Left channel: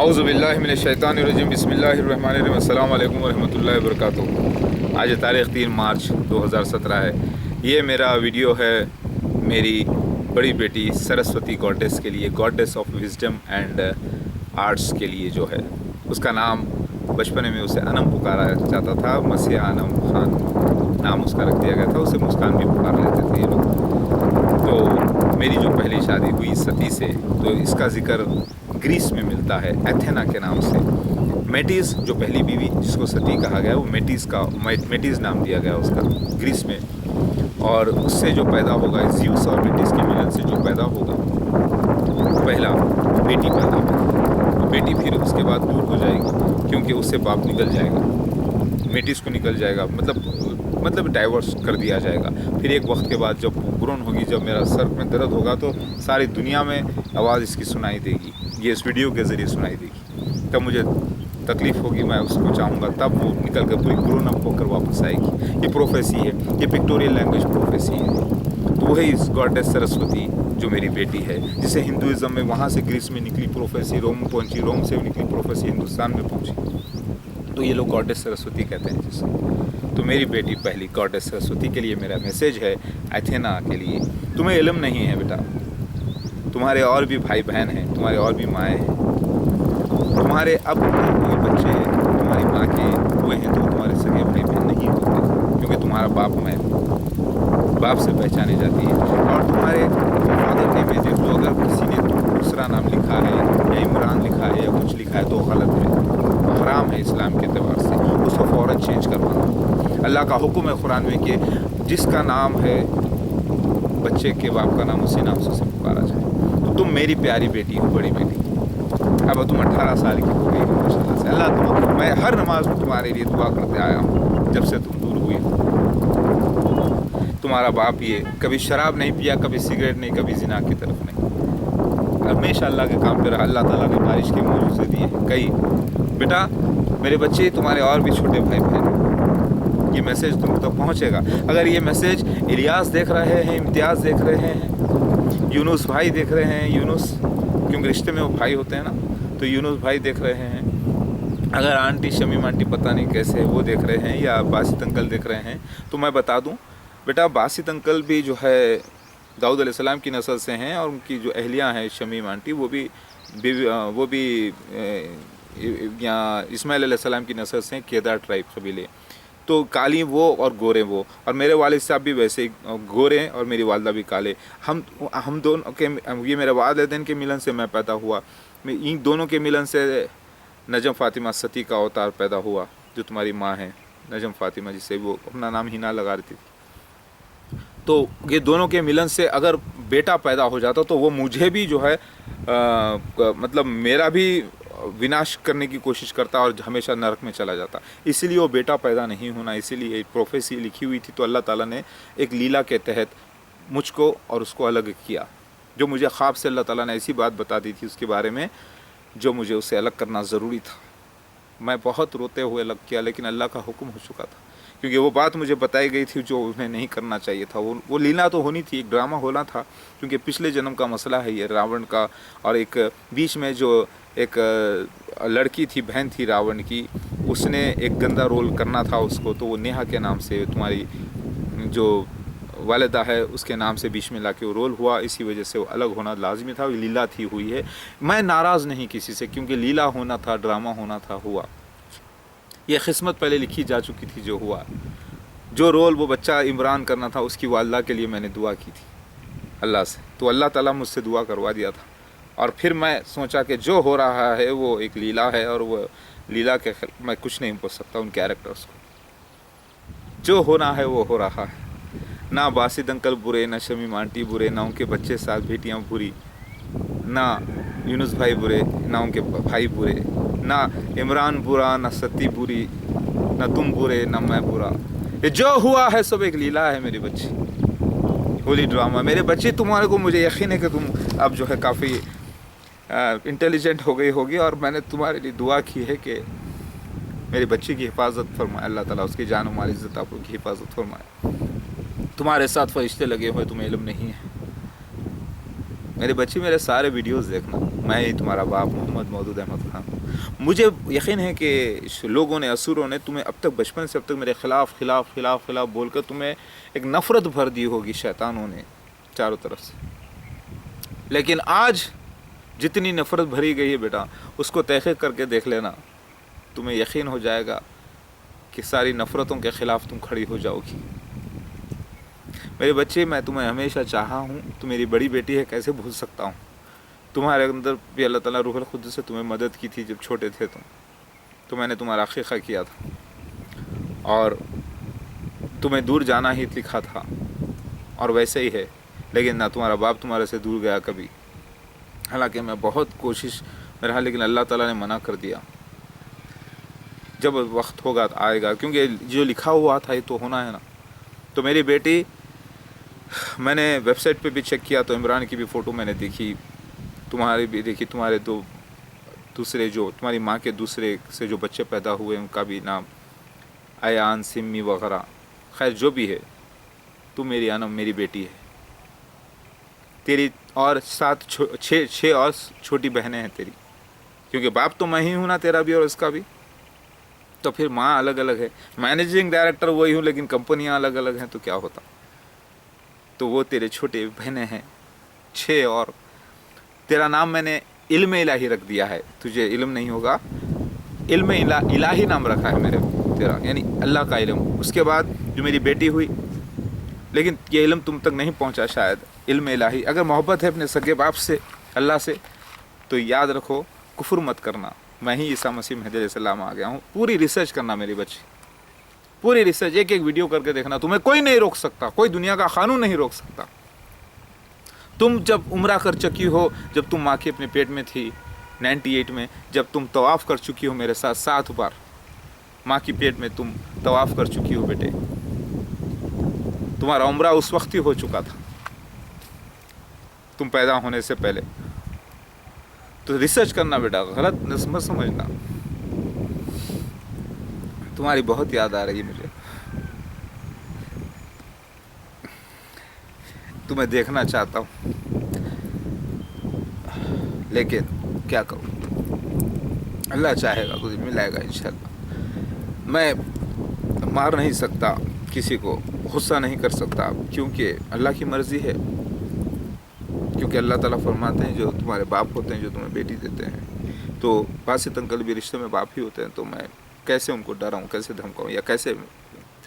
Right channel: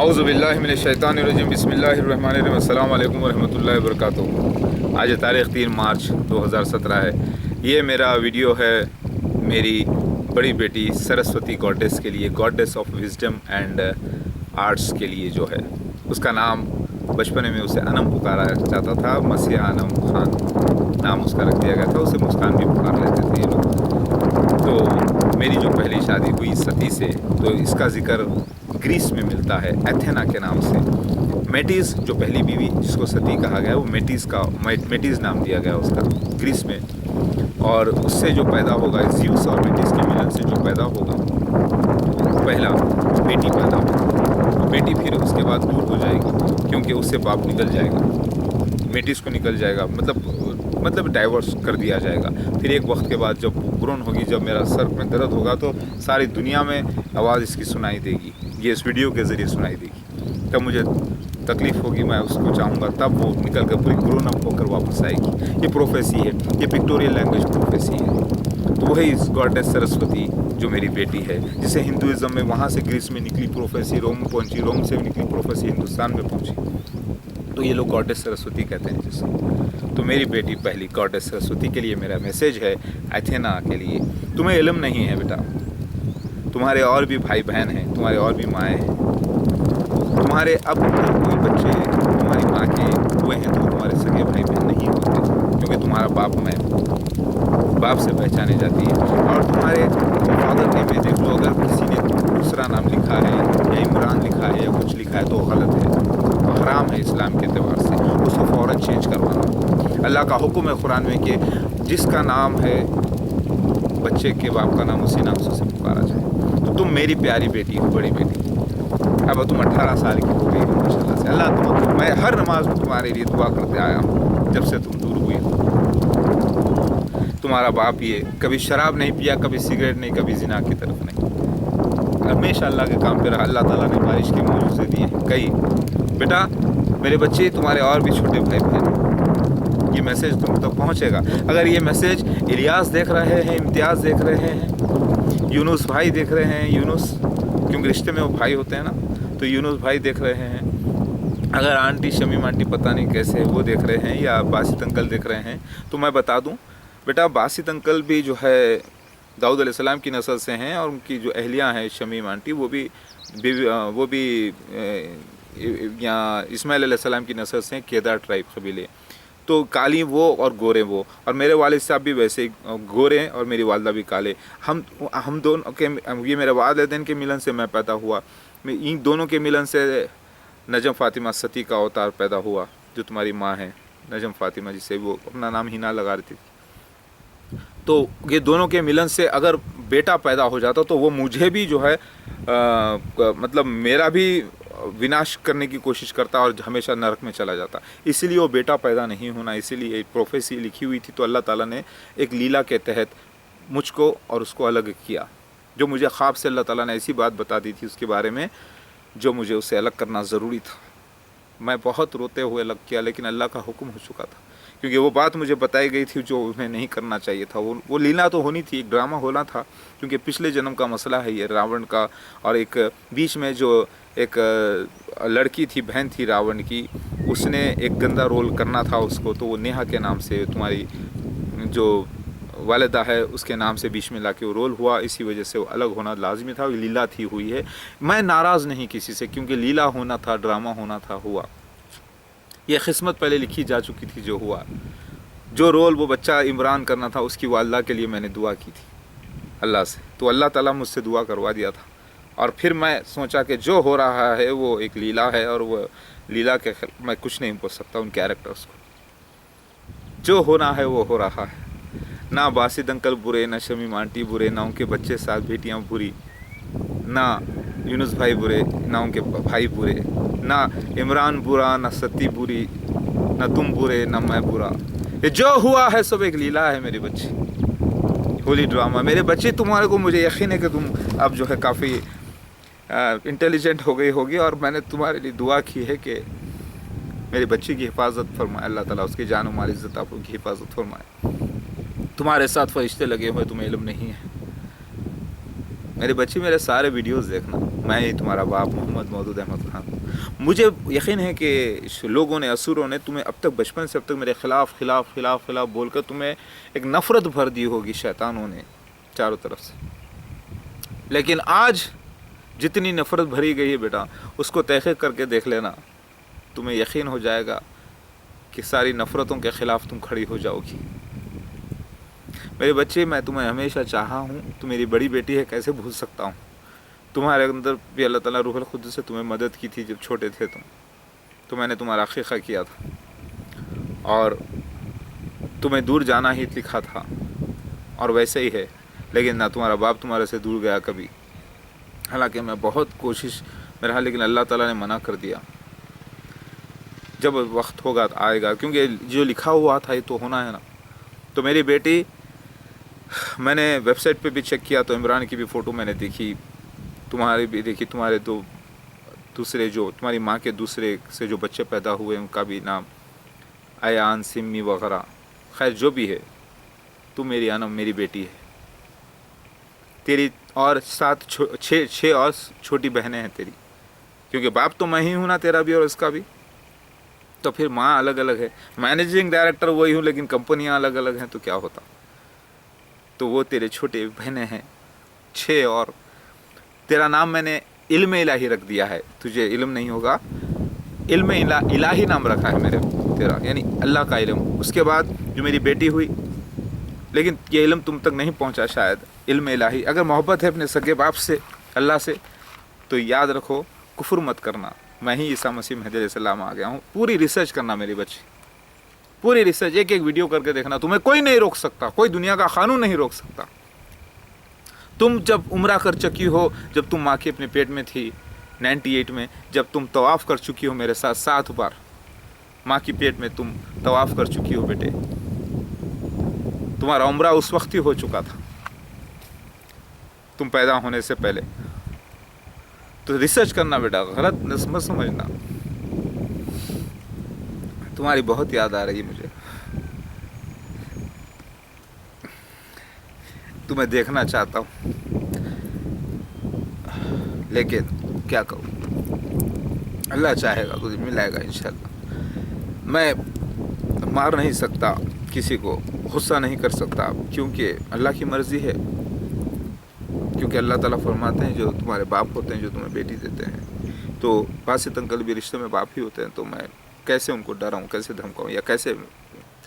औज़ु बिल्लाहि मिनश शैतानिर रजीम बिस्मिल्लाहिर्रहमानिर रहीम अस्सलामु अलैकुम वरहमतुल्लाहि वबरकातुहू। आज तारीख़ 3 मार्च 2017 है। ये मेरा वीडियो है मेरी बड़ी बेटी सरस्वती गॉडेस के लिए, goddess of wisdom and arts के लिए जो है। उसका नाम बचपन में उसे अनम पुकारा जाता था, मसीहा अनम खान नाम उसका रख दिया गया था। उसे मुस्कान भी पुकार लेते थे ये लोग। तो मेरी जो पहली शादी हुई सती से, तो इसका ज़िक्र ग्रीस में मिलता है एथेना के नाम से। मेटिस जो पहली बीवी जिसको सती कहा गया, वो मेटिस नाम दिया गया उसका ग्रीस में। और उससे जो पैदा होगा, ज़्यूस और मेटिस के मिलन से जो पैदा होगा, पहला बेटी पैदा होगी। वो बेटी फिर उसके बाद दूर हो जाएगी क्योंकि उससे बाप निकल जाएगा, मेटिस को निकल जाएगा, मतलब डाइवोर्स कर दिया जाएगा। फिर एक वक्त के बाद जब ग्रोन होगी, जब मेरा सर में दर्द होगा, तो सारी दुनिया में आवाज़ इसकी सुनाई देगी, ये इस वीडियो के ज़रिए सुनाई देगी। तब मुझे तकलीफ़ होगी, मैं उसको चाहूँगा, तब वो निकल कर पूरी ग्रोन अप होकर वापस आएगी। ये प्रोफेसी है, ये पिक्टोरियल लैंग्वेज प्रोफेसी है। तो वही इस गॉडेस सरस्वती जो मेरी बेटी है, जिसे हिंदुज़म में वहाँ से ग्रीस में निकली प्रोफेसी रोम पहुँची, रोम से निकली प्रोफेसी हिंदुस्तान में पहुँची, तो ये लोग गॉडेस सरस्वती कहते हैं जिसको। तो मेरी बेटी पहली गॉडेस सरस्वती के लिए मेरा मैसेज है, एथेना के लिए। तुम्हें इल्म नहीं है बेटा, तुम्हारे और भी भाई बहन हैं, तुम्हारे और भी माएँ हैं। तुम्हारे अब कोई बच्चे तुम्हारी माँ के हुए हैं तो तुम्हारे सगे भाई बहन नहीं होते, क्योंकि तुम्हारा बाप मैं बाप से पहचाने जाती है। और तुम्हारे फादर नेम में देख लो, अगर किसी ने दूसरा नाम लिखा है या इमरान लिखा है या कुछ लिखा है तो गलत है, तो हराम है इस्लाम के एतबार से, उसको फ़ौरन चेंज करवाना होगा। अल्लाह का हुक्म है कुरान में कि जिसका नाम है बच्चे के बाप का नाम उसी नाम से उसे पुकारा जाए। तो तुम मेरी प्यारी बेटी हो, बड़ी बेटी। अब तुम 18 साल की हो गई हो माशाल्लाह से। अल्लाह मैं हर नमाज में तुम्हारे लिए दुआ करते आया हूँ जब से तुम दूर हुई हो। तुम्हारा बाप ये कभी शराब नहीं पिया, कभी सिगरेट नहीं, कभी जिना की तरफ नहीं, हमेशा अल्लाह के काम पे रहा। अल्लाह ताला ने बारिश के मौजूज़े दिए हैं कई। बेटा मेरे बच्चे, तुम्हारे और भी छोटे भाई बहन हैं, ये मैसेज तुम तक पहुँचेगा। अगर ये मैसेज इलियास देख रहे हैं, इम्तियाज़ देख रहे हैं, यूनुस भाई देख रहे हैं, यूनुस क्योंकि रिश्ते में वो भाई होते हैं ना, तो यूनुस भाई देख रहे हैं, अगर आंटी शमीम आंटी पता नहीं कैसे वो देख रहे हैं, या बासित अंकल देख रहे हैं, तो मैं बता दूं बेटा, बासित अंकल भी जो है दाऊद अलैहिस्सलाम की नस्ल से हैं, और उनकी जो अहलियाँ हैं शमीम आंटी, वो भी यहाँ इस्माइल अलैहिस्सलाम की नस्ल से हैं, केदार ट्राइब कबीले। तो काली वो और गोरे वो, और मेरे वालिद साहब भी वैसे गोरे हैं और मेरी वालदा भी काले। हम दोनों के, ये मेरे वालिदैन के मिलन से मैं पैदा हुआ। इन दोनों के मिलन से नजम फ़ातिमा सती का अवतार पैदा हुआ, जो तुम्हारी माँ है नजम फ़ातिमा, जिसे वो अपना नाम हिना लगा रही थी। तो ये दोनों के मिलन से अगर बेटा पैदा हो जाता तो वो मुझे भी जो है मतलब मेरा भी विनाश करने की कोशिश करता और हमेशा नरक में चला जाता। इसीलिए वो बेटा पैदा नहीं होना, इसीलिए एक प्रोफेसी लिखी हुई थी। तो अल्लाह ताला ने एक लीला के तहत मुझको और उसको अलग किया। जो मुझे ख्वाब से अल्लाह ताला ने ऐसी बात बता दी थी उसके बारे में, जो मुझे उससे अलग करना ज़रूरी था। मैं बहुत रोते हुए अलग किया, लेकिन अल्लाह का हुक्म हो चुका था, क्योंकि वो बात मुझे बताई गई थी जो उन्हें नहीं करना चाहिए था। वो लीला तो होनी थी, एक ड्रामा होना था, क्योंकि पिछले जन्म का मसला है ये रावण का। और एक बीच में जो एक लड़की थी, बहन थी रावण की, उसने एक गंदा रोल करना था उसको, तो वो नेहा के नाम से, तुम्हारी जो वालिदा है उसके नाम से बीच में लाके वो रोल हुआ। इसी वजह से वो अलग होना लाजमी था, लीला थी, हुई है। मैं नाराज़ नहीं किसी से, क्योंकि लीला होना था, ड्रामा होना था, हुआ। ये किस्मत पहले लिखी जा चुकी थी, जो हुआ। जो रोल वो बच्चा इमरान करना था, उसकी वालिदा के लिए मैंने दुआ की थी अल्लाह से, तो अल्लाह ताला मुझसे दुआ करवा दिया था। और फिर मैं सोचा कि जो हो रहा है वो एक लीला है, और वो लीला के मैं कुछ नहीं बोल सकता उन कैरेक्टर्स को। जो होना है वो हो रहा है। ना बासित अंकल बुरे, ना शमीम आंटी बुरे, ना उनके बच्चे साथ बेटियां बुरी, ना यूनुस भाई बुरे, ना उनके भाई बुरे, ना इमरान बुरा, ना सती बुरी, ना तुम बुरे, ना मैं बुरा। ये जो हुआ है सब एक लीला है मेरे बच्चे, होली ड्रामा। मेरे बच्चे, तुम्हारे को मुझे यकीन है कि तुम अब जो है काफ़ी इंटेलिजेंट हो गई होगी, और मैंने तुम्हारे लिए दुआ की है कि मेरे बच्चे की हिफाजत फरमाए अल्लाह ताला, उसकी जान और माल इज़्ज़त आप की हिफाजत फरमाए। तुम्हारे साथ फरिश्ते लगे हुए, तुम्हें इल्म नहीं है। मेरे बच्चे मेरे सारे वीडियोस देखना, मैं ही तुम्हारा बाप मोहम्मद मौदूद अहमद खान हूँ। मुझे यकीन है कि लोगों ने, असुरों ने तुम्हें अब तक, बचपन से अब तक मेरे खिलाफ बोलकर तुम्हें एक नफ़रत भर दी होगी शैतानों ने चारों तरफ से। लेकिन आज जितनी नफ़रत भरी गई है बेटा, उसको तहक़ीक़ करके देख लेना, तुम्हें यकीन हो जाएगा कि सारी नफ़रतों के ख़िलाफ़ तुम खड़ी हो जाओगी। मेरे बच्चे, मैं तुम्हें हमेशा चाहा हूँ, तुम मेरी बड़ी बेटी है, कैसे भूल सकता हूँ। तुम्हारे अंदर भी अल्लाह ताला रूहुल क़ुद्दूस से तुम्हें मदद की थी जब छोटे थे तुम, तो मैंने तुम्हारा अक़ीक़ा किया था और तुम्हें दूर जाना ही लिखा था, और वैसे ही है। लेकिन ना तुम्हारा बाप तुम्हारे से दूर गया कभी, हालांकि मैं बहुत कोशिश में रहा, लेकिन अल्लाह ताला ने मना कर दिया। जब वक्त होगा तो आएगा, क्योंकि जो लिखा हुआ था ये तो होना है ना। तो मेरी बेटी, मैंने वेबसाइट पे भी चेक किया तो इमरान की भी फ़ोटो मैंने देखी, तुम्हारी भी देखी, तुम्हारे दो दूसरे जो तुम्हारी माँ के दूसरे से जो बच्चे पैदा हुए उनका भी नाम अयान, सिमी वगैरह। खैर जो भी है, तू मेरी अनम, मेरी बेटी है। तेरी और छः और छोटी बहनें हैं तेरी, क्योंकि बाप तो मैं ही हूँ ना, तेरा भी और उसका भी। तो फिर माँ अलग अलग है, मैनेजिंग डायरेक्टर वही हूँ, लेकिन कंपनियाँ अलग अलग हैं, तो क्या होता। तो वो तेरे छोटे बहनें हैं 6, और तेरा नाम मैंने इल्म इलाही रख दिया है। तुझे इल्म नहीं होगा, इल्म इलाही नाम रखा है मेरे तेरा, यानी अल्लाह का इल्म। उसके बाद जो मेरी बेटी हुई, लेकिन ये इल्म तुम तक नहीं पहुंचा शायद, इल्म इलाही। अगर मोहब्बत है अपने सगे बाप से, अल्लाह से, तो याद रखो, कुफ्र मत करना, मैं ही ईसा मसीह महदी अलैहिस्सलाम आ गया हूँ। पूरी रिसर्च करना मेरी बच्ची, पूरी रिसर्च, एक एक वीडियो करके देखना, तुम्हें कोई नहीं रोक सकता, कोई दुनिया का कानून नहीं रोक सकता। तुम जब उम्रा कर चुकी हो, जब तुम माँ के अपने पेट में थी 98 में, जब तुम तवाफ़ कर चुकी हो मेरे साथ 7 बार, माँ की पेट में तुम तवाफ़ कर चुकी हो बेटे, तुम्हारा उम्रा उस वक्त ही हो चुका था, तुम पैदा होने से पहले। तो रिसर्च करना बेटा, गलत मत समझना। तुम्हारी बहुत याद आ रही है मुझे, तुम्हें देखना चाहता हूँ, लेकिन क्या करूँ, अल्लाह चाहेगा तो मिलाएगा इंशाल्लाह। मैं मार नहीं सकता किसी को, गुस्सा नहीं कर सकता, क्योंकि अल्लाह की मर्ज़ी है। क्योंकि अल्लाह ताला फरमाते हैं, जो तुम्हारे बाप होते हैं, जो तुम्हें बेटी देते हैं, तो वासित अंकल भी रिश्ते में बाप ही होते हैं। तो मैं कैसे उनको डराऊँ, कैसे धमकाऊँ, या कैसे,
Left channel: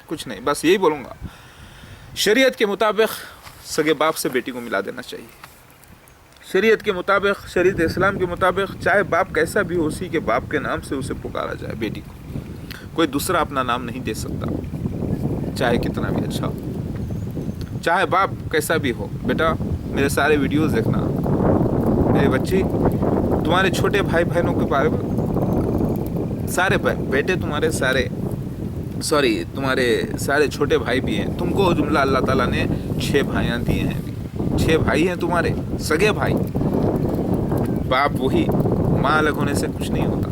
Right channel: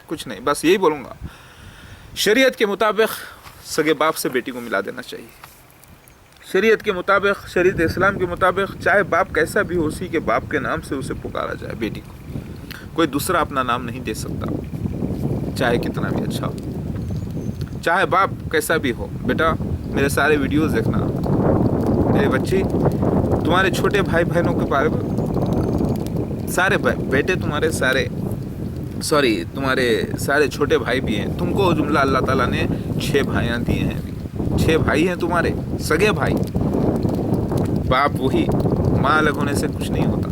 कुछ नहीं, बस यही बोलूँगा, शरीयत के मुताबिक सगे बाप से बेटी को मिला देना चाहिए। शरीयत के मुताबिक, शरीयत इस्लाम के मुताबिक, चाहे बाप कैसा भी हो, उसी के बाप के नाम से उसे पुकारा जाए बेटी को। कोई दूसरा अपना नाम नहीं दे सकता, चाहे कितना भी अच्छा हो, चाहे बाप कैसा भी हो। बेटा, मेरे सारे वीडियोस देखना, मेरे बच्ची, तुम्हारे छोटे भाई बहनों के बारे में, सारे बेटे तुम्हारे सारे, सॉरी, तुम्हारे सारे छोटे भाई भी हैं। तुमको जुमला अल्लाह ताला ने 6 भाइयाँ दिए हैं, अभी 6 भाई हैं तुम्हारे, सगे भाई। बाप वही, माँ अलग होने से कुछ नहीं होता।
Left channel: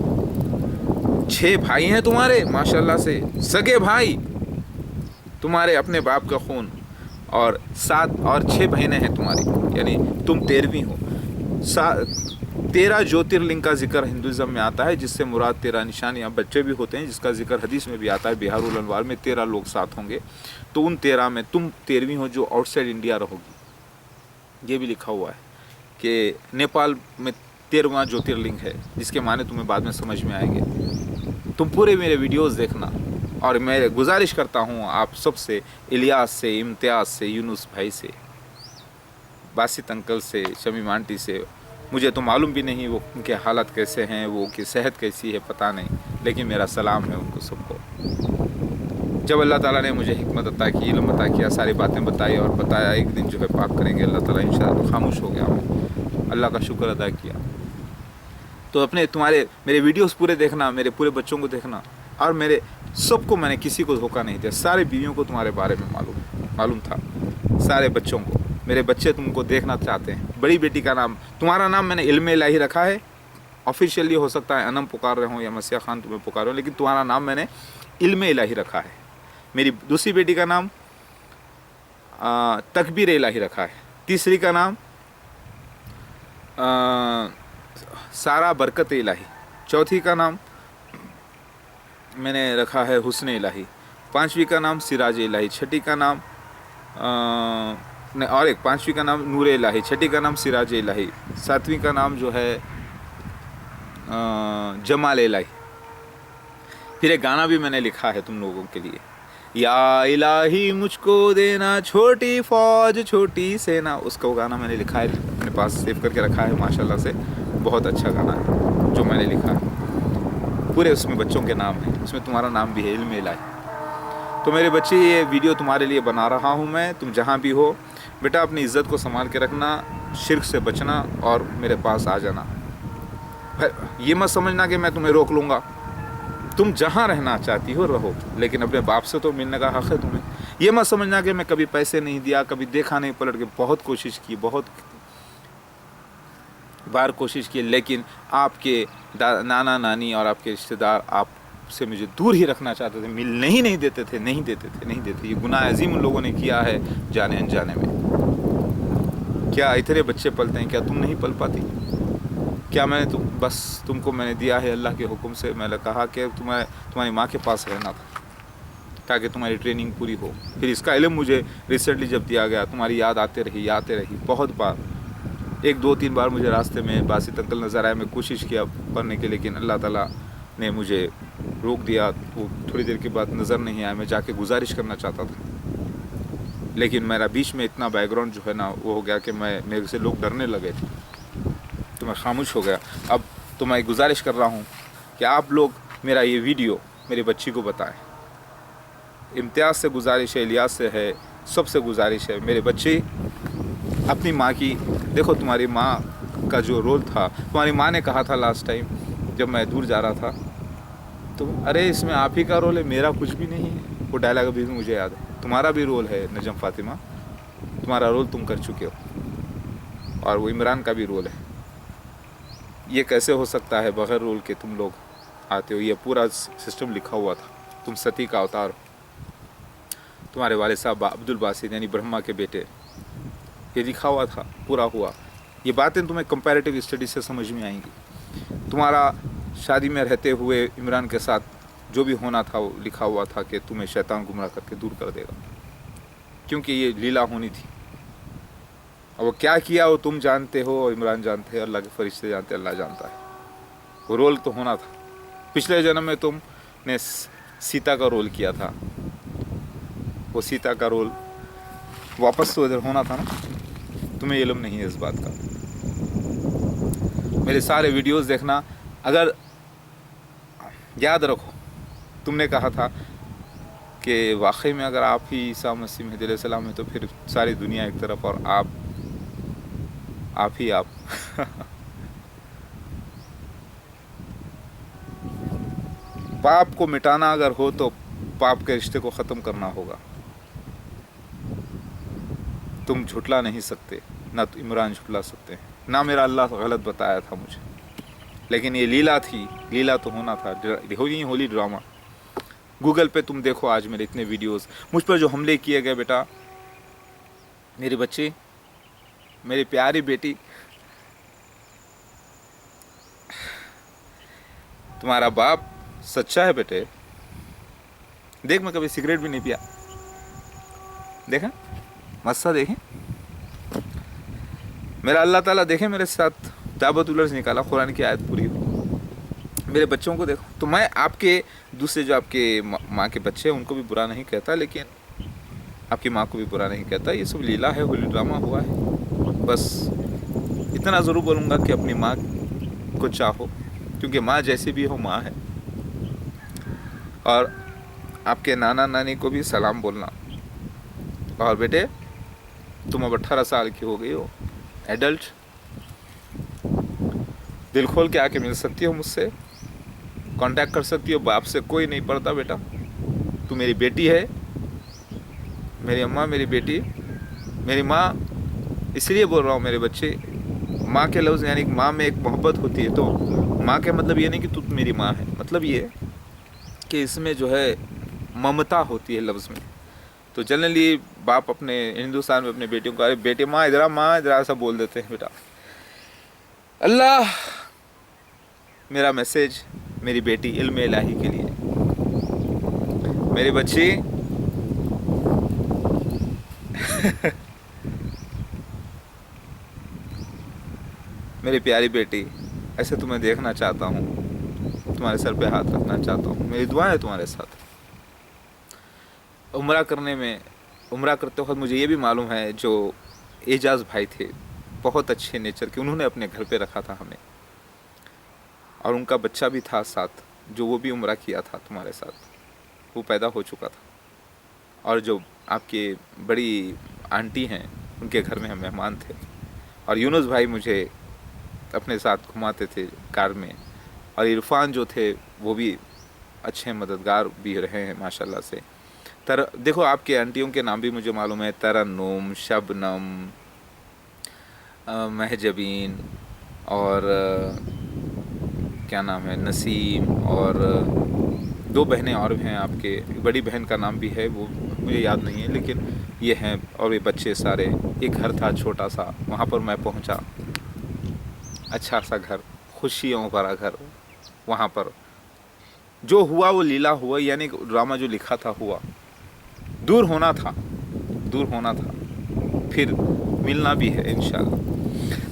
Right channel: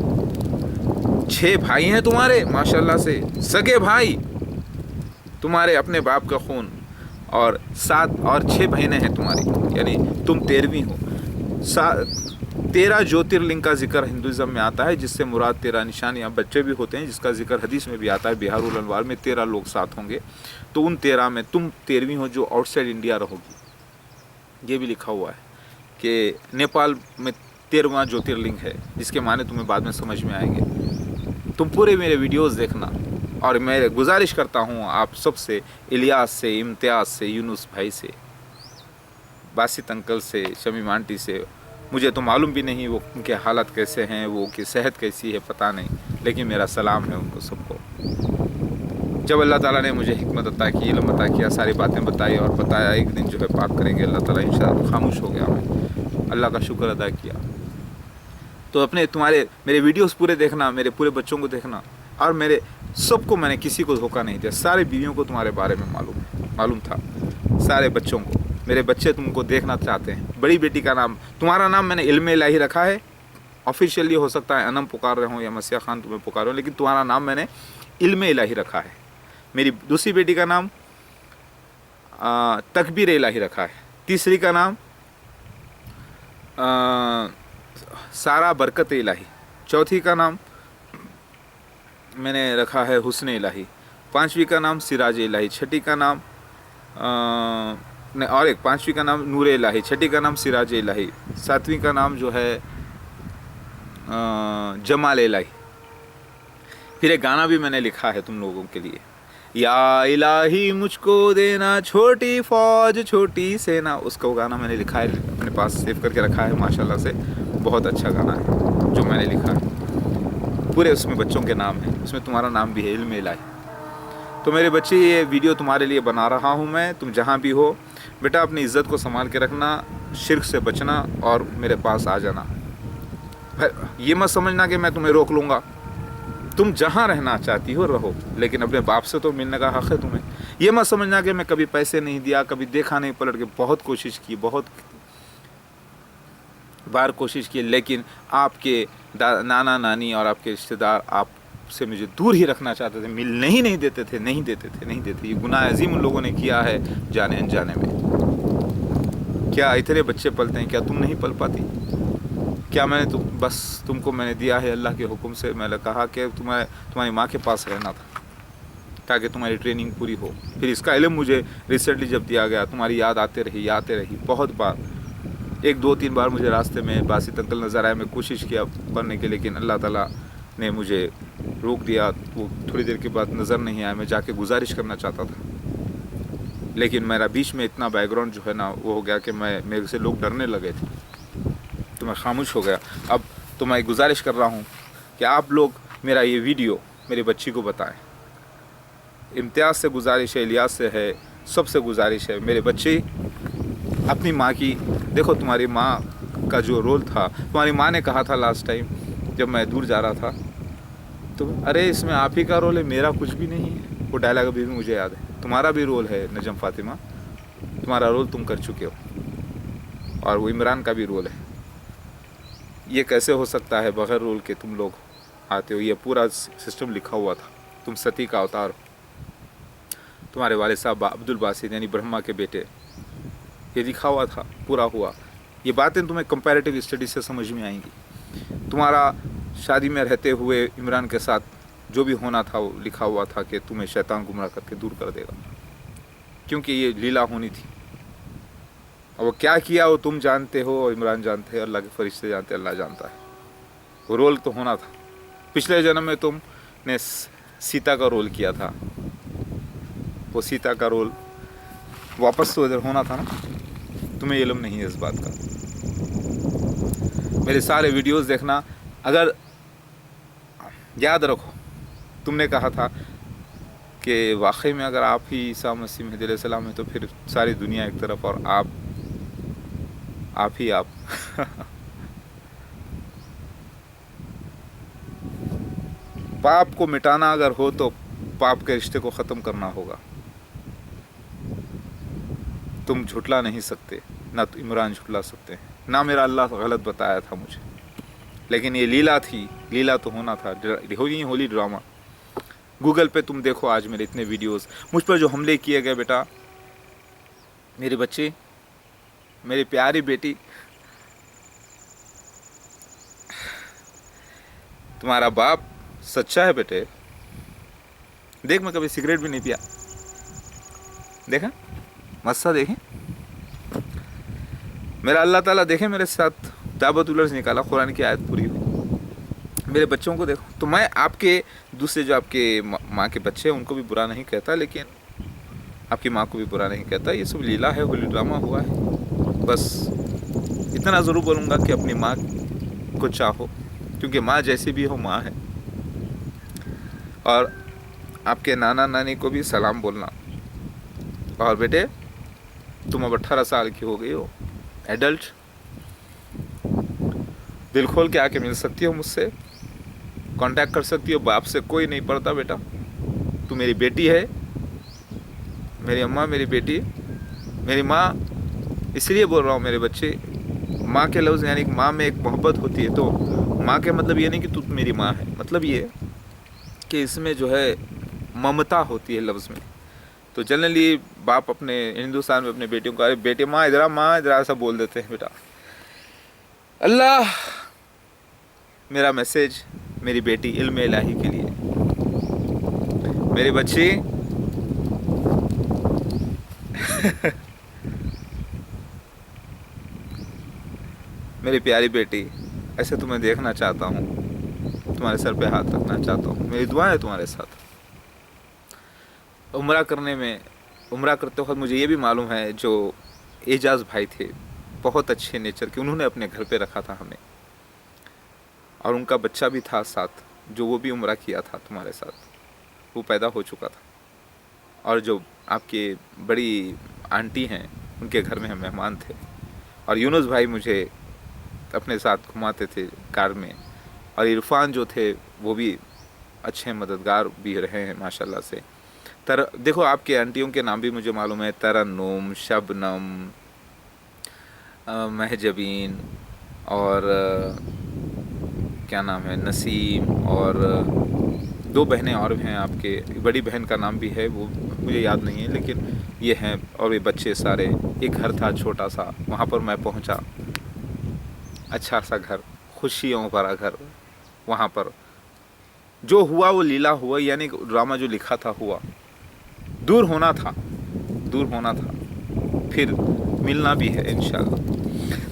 6 भाई हैं तुम्हारे माशाल्लाह से, सगे भाई, तुम्हारे अपने बाप का खून, और 7 और 6 बहनें हैं तुम्हारी, यानी तुम 13वीं हो। 13 ज्योतिर्लिंग का जिक्र हिंदुज़म में आता है, जिससे मुराद 13 निशान या बच्चे भी होते हैं, जिसका जिक्र हदीस में भी आता है, बिहारुल अनवार में 13 लोग साथ होंगे। तो उन 13 में तुम 13वीं हो, जो आउटसाइड इंडिया रहोगी। ये भी लिखा हुआ है कि नेपाल में 13वां ज्योतिर्लिंग है, जिसके माने तुम्हें बाद में समझ में आएंगे। तुम पूरे मेरे वीडियोज़ देखना, और मैं गुजारिश करता हूँ आप सबसे, इलियास से, इम्तियाज़ से, यूनुस भाई से, बासित अंकल से, शमीम आंटी से, मुझे तो मालूम भी नहीं वो उनके हालत कैसे हैं, वो उनकी सेहत कैसी है, पता नहीं, लेकिन मेरा सलाम है उनको सबको। जब अल्लाह ताला ने मुझे हिकमत अता की, इल्म अता किया, सारी बातें बताई और बताया, एक दिन जो है पाक करेंगे अल्लाह ताला इंशाअल्लाह, तो खामोश हो गया मैं, अल्लाह का शुक्र अदा किया। तो अपने तुम्हारे मेरे वीडियोस पूरे देखना, मेरे पूरे बच्चों को देखना, और मेरे सबको, मैंने किसी को धोखा नहीं दिया। सारे बीवियों को तुम्हारे बारे में मालूम था, सारे बच्चों को। मेरे बच्चे तुमको देखना चाहते हैं। बड़ी बेटी का नाम, तुम्हारा नाम मैंने इल्म इलाही रखा है, ऑफिशियली हो सकता है अनम पुकार रहे हो या मसीहा खान तुम्हें पुकार रहे हो, लेकिन तुम्हारा नाम मैंने इल्म इलाही रखा है। मेरी दूसरी बेटी का नाम तकबीर इलाही रखा है। तीसरी का नाम सारा बरकत इलाही। चौथी का नाम मैंने रखा है हुस्न इलाही। पांचवी का नाम सिराज इलाही। छठी का नाम नहीं, और एक पांचवी का नाम नूर इलाही। छठी का नाम सिराज इलाही। सातवीं का नाम जो है जमाल इलाही। फिर एक गाना भी मैंने लिखा है तुम लोगों के लिए, या इलाही मुझको देना छोटी फौज छोटी सेना। उसका वो गाना मैंने लिखा है, अपने पास सेव करके रखा है माशाल्लाह से। बहुत अच्छा गाना है जो मैंने लिखा है। पूरे उसमें बच्चों के नाम है, उसमें तुम्हारा नाम भी है, इल्म इलाही। तो मेरे बच्चे, ये वीडियो तुम्हारे लिए बना रहा हूँ मैं। तुम जहाँ भी हो बेटा, अपनी इज़्ज़त को संभाल के रखना, शिर्क से बचना और मेरे पास आ जाना। ये मत समझना कि मैं तुम्हें रोक लूँगा। तुम जहाँ रहना चाहती हो रहो, लेकिन अपने बाप से तो मिलने का हक़ है तुम्हें। ये मत समझना कि मैं कभी पैसे नहीं दिया, कभी देखा नहीं पलट के। बहुत कोशिश की, बहुत बार कोशिश की, लेकिन आपके नाना नानी और आपके रिश्तेदार आपसे मुझे दूर ही रखना चाहते थे, मिलने ही नहीं देते थे, नहीं देते। ये गुनाह अजीम उन लोगों ने किया है जाने अनजाने में। क्या इतने बच्चे पलते हैं, क्या तुम नहीं पल पाती? क्या मैंने तुमको मैंने दिया है अल्लाह के हुक्म से। मैंने कहा कि तुम्हारी माँ के पास रहना था ताकि तुम्हारी ट्रेनिंग पूरी हो। फिर इसका इल्म मुझे रिसेंटली जब दिया गया, तुम्हारी याद आते रही बहुत बार। 1-2-3 बार मुझे रास्ते में बासित अंकल नज़र आए। मैं कोशिश किया पढ़ने की, लेकिन अल्लाह ताला ने मुझे रोक दिया। वो थोड़ी देर के बाद नज़र नहीं आया। मैं जाके गुजारिश करना चाहता था, लेकिन मेरा बीच में इतना बैकग्राउंड जो है ना वो हो गया कि मेरे से लोग डरने लगे थे, तो मैं खामोश हो गया। अब तो मैं गुजारिश कर रहा हूँ कि आप लोग मेरा ये वीडियो मेरी बच्ची को बताएं। इम्तियाज़ से गुजारिश है, इलियास से है, सबसे गुजारिश है। मेरे बच्चे अपनी माँ की, देखो तुम्हारी माँ का जो रोल था, तुम्हारी माँ ने कहा था लास्ट टाइम जब मैं दूर जा रहा था, तो अरे इसमें आप ही का रोल है, मेरा कुछ भी नहीं है। वो डायलॉग अभी भी मुझे याद है। तुम्हारा भी रोल है नजम फातिमा, तुम्हारा रोल तुम कर चुके हो, और वो इमरान का भी रोल है। ये कैसे हो सकता है बगैर रोल के तुम लोग आते हो? ये पूरा सिस्टम लिखा हुआ था। तुम सती का अवतार हो। तुम्हारे वाले साहब अब्दुल बासित यानी ब्रह्मा के बेटे, ये लिखा हुआ था, पूरा हुआ। ये बातें तुम्हें कंपैरेटिव स्टडी से समझ में आएंगी। तुम्हारा शादी में रहते हुए इमरान के साथ जो भी होना था वो लिखा हुआ था कि तुम्हें शैतान गुमराह करके दूर कर देगा, क्योंकि ये लीला होनी थी। और वो क्या किया वो तुम जानते हो, इमरान जानते हैं, अल्लाह के फरिश्ते जानते हैं, अल्लाह जानता है। वो रोल तो होना था। पिछले जन्म में तुमने सीता का रोल किया था, वो सीता का रोल वापस तो इधर होना था ना। तुम्हें इल्म नहीं है इस बात का। मेरे सारे वीडियोस देखना। अगर याद रखो, तुमने कहा था कि वाकई में अगर आप ही ईसा मसीह महदी अलैहिस्सलाम है तो फिर सारी दुनिया एक तरफ और आप ही आप। पाप को मिटाना अगर हो तो पाप के रिश्ते को ख़त्म करना होगा। तुम झुटला नहीं सकते, ना तो इमरान झुटला सकते हैं, ना मेरा अल्लाह गलत बताया था मुझे। लेकिन ये लीला थी, लीला तो होना था। होली ड्रामा। गूगल पे तुम देखो आज मेरे इतने वीडियोस, मुझ पर जो हमले किए गए बेटा, मेरे बच्चे, मेरी प्यारी बेटी, तुम्हारा बाप सच्चा है बेटे। देख, मैं कभी सिगरेट भी नहीं पिया, देखा मस्सा, देखें मेरा अल्लाह ताला, देखे मेरे साथ दावत उलर्स निकाला, कुरान की आयत पूरी हुई। मेरे बच्चों को देखो। तो मैं आपके दूसरे जो आपके माँ के बच्चे हैं उनको भी बुरा नहीं कहता, लेकिन आपकी माँ को भी बुरा नहीं कहता। ये सब लीला है, होली ड्रामा हुआ है। बस इतना ज़रूर बोलूँगा कि अपनी माँ को चाहो, क्योंकि माँ जैसी भी हो माँ है। और आपके नाना नानी को भी सलाम बोलना। और बेटे, तुम अब 18 साल की हो गई हो, एडल्ट, दिल खोल के आके मिल सकती हो मुझसे, कांटेक्ट कर सकती हो। बाप से कोई नहीं पड़ता बेटा। तू मेरी बेटी है, मेरी अम्मा, मेरी बेटी, मेरी माँ। इसलिए बोल रहा हूँ मेरे बच्चे, माँ के लफ्ज़ यानी माँ में एक मोहब्बत होती है। तो माँ के मतलब ये नहीं कि तू मेरी माँ है, मतलब ये कि इसमें जो है ममता होती है लफ्ज़ में। तो जनरली बाप अपने हिंदुस्तान में अपने बेटियों को, अरे बेटे माँ इधर, माँ इधर, ऐसा बोल देते हैं बेटा। अल्लाह मेरा मैसेज मेरी बेटी इल्म इलाही के लिए। मेरी बच्ची मेरी प्यारी बेटी, ऐसे तुम्हें देखना चाहता हूँ, तुम्हारे सर पे हाथ रखना चाहता हूँ, मेरी दुआ है तुम्हारे साथ। उम्रा करते वक्त मुझे ये भी मालूम है जो एजाज भाई थे बहुत अच्छे नेचर के, उन्होंने अपने घर पे रखा था हमें, और उनका बच्चा भी था साथ, जो वो भी उम्रा किया था तुम्हारे साथ, वो पैदा हो चुका था। और जो आपके बड़ी आंटी हैं उनके घर में हम मेहमान थे, और यूनुस भाई मुझे अपने साथ घुमाते थे कार में, और इरफान जो थे वो भी अच्छे मददगार भी रहे हैं माशाल्लाह से। देखो आपके आंटियों के नाम भी मुझे मालूम है, तरन्नुम, शबनम, महजबीन, और क्या नाम है, नसीम, और 2 बहनें और हैं आपके, बड़ी बहन का नाम भी है वो मुझे याद नहीं है, लेकिन ये हैं, और ये बच्चे सारे। एक घर था छोटा सा, वहाँ पर मैं पहुँचा, अच्छा सा घर, खुशियों भरा घर। वहाँ पर जो हुआ वो लीला हुआ, यानी ड्रामा जो लिखा था हुआ, दूर होना था, फिर मिलना भी है इंशाल्लाह।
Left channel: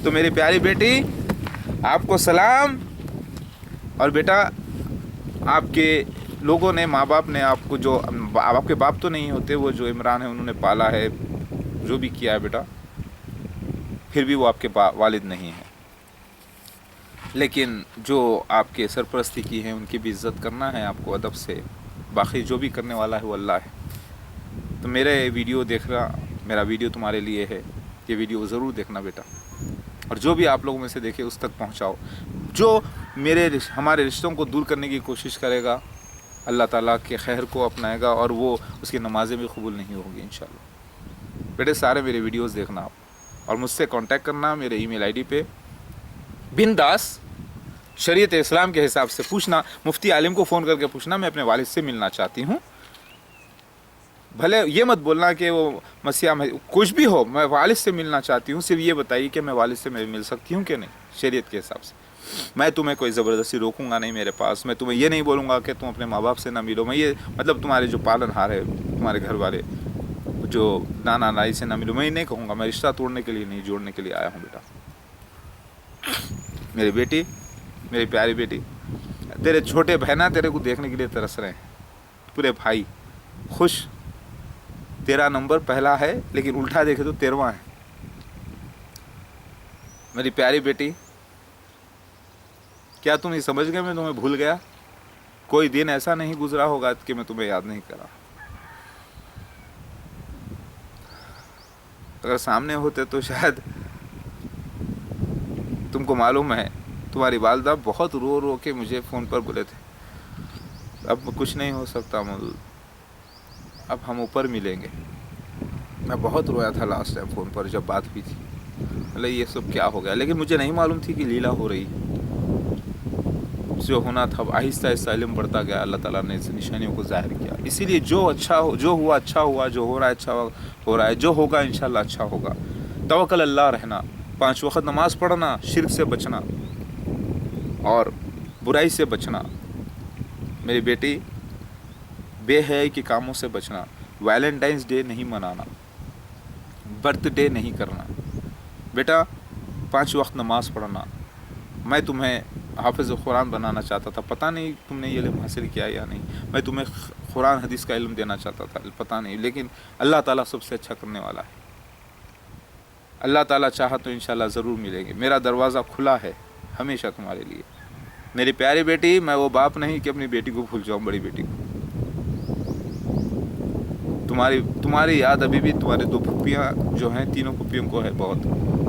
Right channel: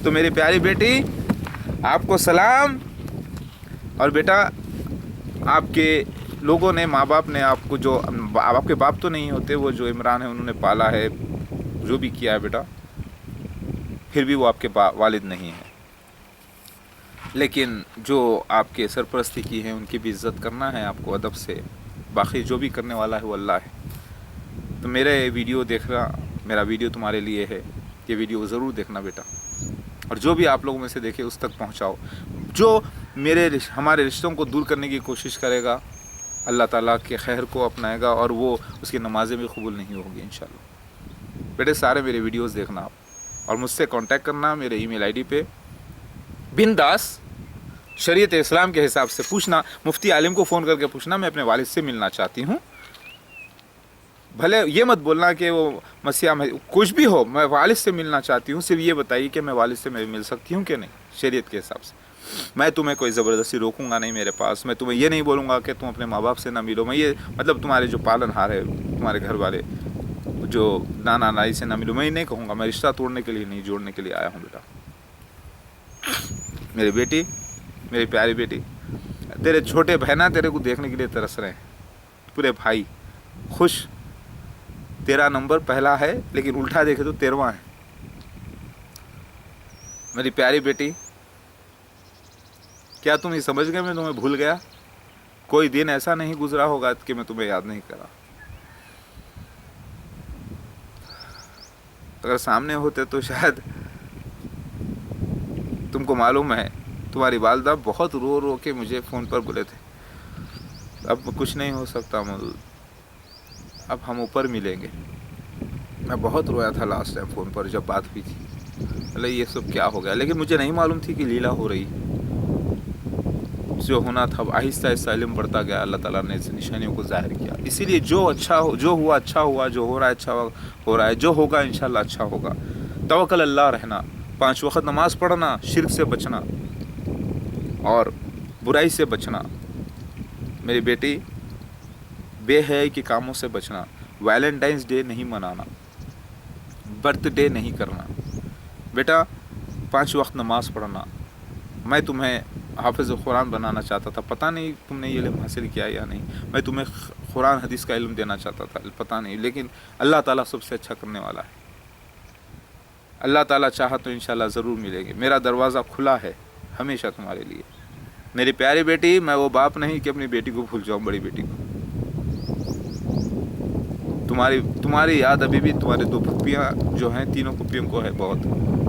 तो मेरी प्यारी बेटी आपको सलाम। और बेटा आपके लोगों ने, माँ बाप ने आपको, जो आपके बाप तो नहीं होते, वो जो इमरान है उन्होंने पाला है, जो भी किया है बेटा, फिर भी वो आपके वालिद नहीं है, लेकिन जो आपके सरपरस्ती की है उनकी भी इज़्ज़त करना है आपको अदब से। बाकी जो भी करने वाला है वो अल्लाह है। तो मेरा वीडियो तुम्हारे लिए है, ये वीडियो ज़रूर देखना बेटा, और जो भी आप लोगों में से देखे उस तक पहुंचाओ। जो हमारे रिश्तों को दूर करने की कोशिश करेगा, अल्लाह ताला के खैर को अपनाएगा, और वो उसकी नमाज़ें भी कबूल नहीं होगी इंशाल्लाह। बेटे सारे मेरे वीडियोस देखना आप, और मुझसे कांटेक्ट करना मेरे ईमेल आईडी पे बिंदास, शरीयत इस्लाम के हिसाब से पूछना, मुफ्ती आलिम को फ़ोन करके पूछना मैं अपने वालिद से मिलना चाहती हूँ। भले ये मत बोलना कि वो मसीहा में कुछ भी हो, मैं वालिद से मिलना चाहती हूँ, सिर्फ ये बताइए कि मैं वालिद से मिल सकती हूँ कि नहीं, शरीयत के हिसाब से। मैं तुम्हें कोई ज़बरदस्ती रोकूंगा नहीं मेरे पास, मैं तुम्हें ये नहीं बोलूँगा कि तुम अपने माँ बाप से ना मिलो, मैं ये मतलब तुम्हारे जो पालनहार है, तुम्हारे घर वाले जो नाना नानी से ना मिलो, मैं ये नहीं कहूँगा। मैं रिश्ता तोड़ने के लिए नहीं, जोड़ने के लिए आया हूँ बेटा। मेरी बेटी, मेरी प्यारी बेटी, तेरे छोटे बहना तेरे को देखने के लिए तरस रहे हैं, पूरे भाई खुश। तेरा नंबर पहला है, लेकिन उल्टा देखे तो 13वां है। मेरी प्यारी बेटी, क्या तुम ये समझ गए मैं तुम्हें भूल गया? कोई दिन ऐसा नहीं गुजरा होगा कि मैं तुम्हें याद नहीं करा। अगर सामने होते तो शायद, तुमको मालूम है तुम्हारी वालदा बहुत रो रो के मुझे फ़ोन पर बोले थे, अब कुछ नहीं हो सकता मौजूद, अब हम ऊपर मिलेंगे। मैं बहुत रोया था लास्ट टाइम फ़ोन पर जब बात हुई थी, मतलब ये सब क्या हो गया, लेकिन मुझे नहीं मालूम थी कि लीला हो रही है। जो होना था आहिस्ता आहिस्ता इल्म बढ़ता गया, अल्लाह ताला ने निशानियों को ज़ाहिर किया। इसीलिए जो हुआ अच्छा हुआ, जो हो रहा है अच्छा हो रहा है, जो होगा इंशाल्लाह अच्छा होगा। तवक्कल अल्लाह रहना, 5 वक्त नमाज़ पढ़ना, शिर्क से बचना और बुराई से बचना। मेरी बेटी, बेहयाई के कामों से बचना, वैलेंटाइंस डे नहीं मनाना, बर्थडे नहीं करना बेटा, 5 वक्त नमाज़ पढ़ना। मैं तुम्हें हाफिज़ कुरान बनाना चाहता था, पता नहीं तुमने ये इल्म हासिल किया या नहीं। मैं तुम्हें कुरान हदीस का इल्म देना चाहता था, पता नहीं, लेकिन अल्लाह ताला सबसे अच्छा करने वाला है। अल्लाह ताला चाहा तो इंशाल्लाह ज़रूर मिलेंगे। मेरा दरवाज़ा खुला है हमेशा तुम्हारे लिए। मेरी प्यारी बेटी, मैं वो बाप नहीं कि अपनी बेटी को भूल जाऊँ, बड़ी बेटी को। तुम्हारी याद अभी भी तुम्हारे 2 फुप्पियाँ जो हैं, 3 फुप्पियों को है बहुत,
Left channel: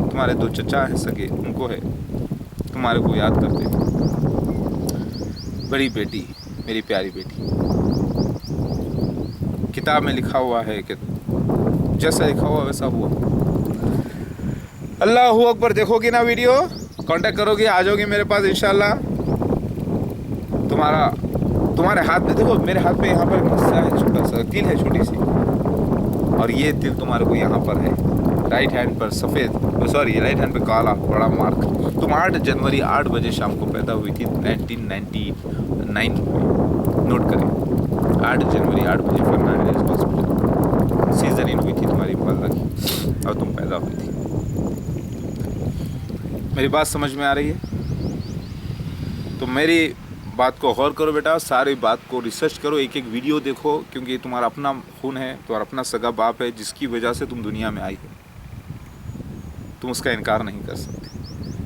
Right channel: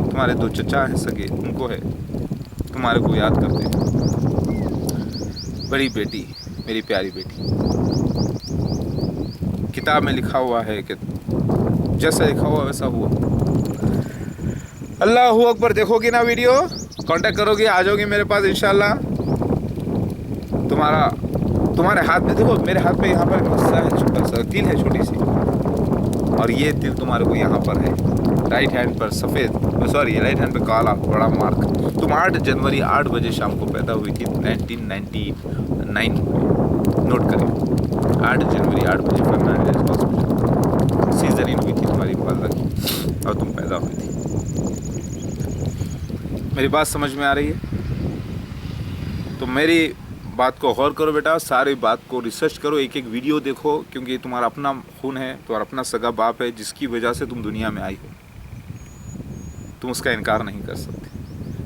तुम्हारे 2 चचा हैं सगे, उनको है, तुम्हारे को याद करते हैं। बड़ी बेटी, मेरी प्यारी बेटी, किताब में लिखा हुआ है कि जैसा लिखा हुआ वैसा हुआ। अल्लाहू अकबर। देखोगी ना वीडियो, कांटेक्ट करोगी, आ जाओगी मेरे पास इंशाल्लाह। तुम्हारे हाथ में देखो, मेरे हाथ में यहाँ पर एक मस्सा है, छोटा सा तिल है, छोटी सी, और ये तिल तुम्हारे को यहाँ पर है। राइट हैंड पर सफ़ेद, सॉरी राइट हैंड पे काला बड़ा मार्क। तुम 8 जनवरी 8 बजे शाम को पैदा हुई थी 1999 में। नोट करें, 8 जनवरी 8 बजे फर्नांडिस हॉस्पिटल सीजरिन हुई थी तुम्हारी वालदा की और तुम पैदा हुई थी। मेरी बात समझ में आ रही है? तो मेरी बात को गौर करो बेटा, सारी बात को रिसर्च करो, एक एक वीडियो देखो, क्योंकि तुम्हारा अपना खून है, तुम्हारा अपना सगा बाप है जिसकी वजह से तुम दुनिया में आई हो। तुम उसका इनकार नहीं कर सकते।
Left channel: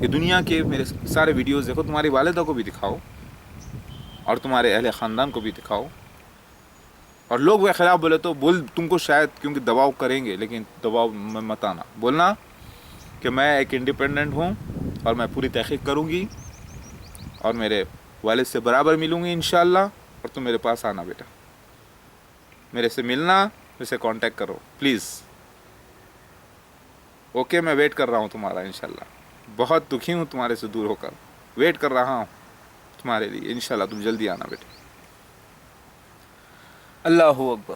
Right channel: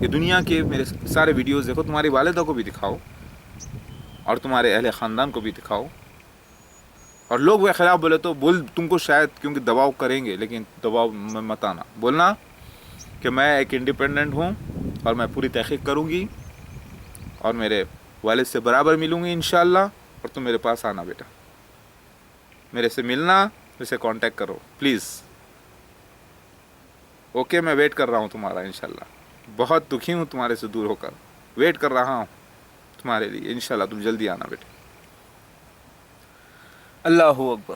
ये दुनिया के मेरे सारे वीडियोस देखो, तुम्हारी वालिदा को भी दिखाओ और तुम्हारे अहले ख़ानदान को भी दिखाओ। और लोग वे खिलाफ बोले तो तुमको शायद क्योंकि दबाव करेंगे, लेकिन दबाव में मत आना। बोलना कि मैं एक इंडिपेंडेंट हूँ और मैं पूरी तहक़ीक़ करूँगी और मेरे वालिद से बराबर मिलूँगी इंशाअल्लाह। और तुम मेरे पास आना बेटा, मेरे से मिलना, मेरे से कांटेक्ट करो प्लीज़। ओके, मैं वेट कर रहा हूँ तुम्हारा इंशाअल्लाह। बहुत दुखी हूँ तुम्हारे से दूर होकर, वेट कर रहा हूँ तुम्हारे लिए इंशाअल्लाह। तुम जल्दी आना बेटे। अल्लाहू अकबर।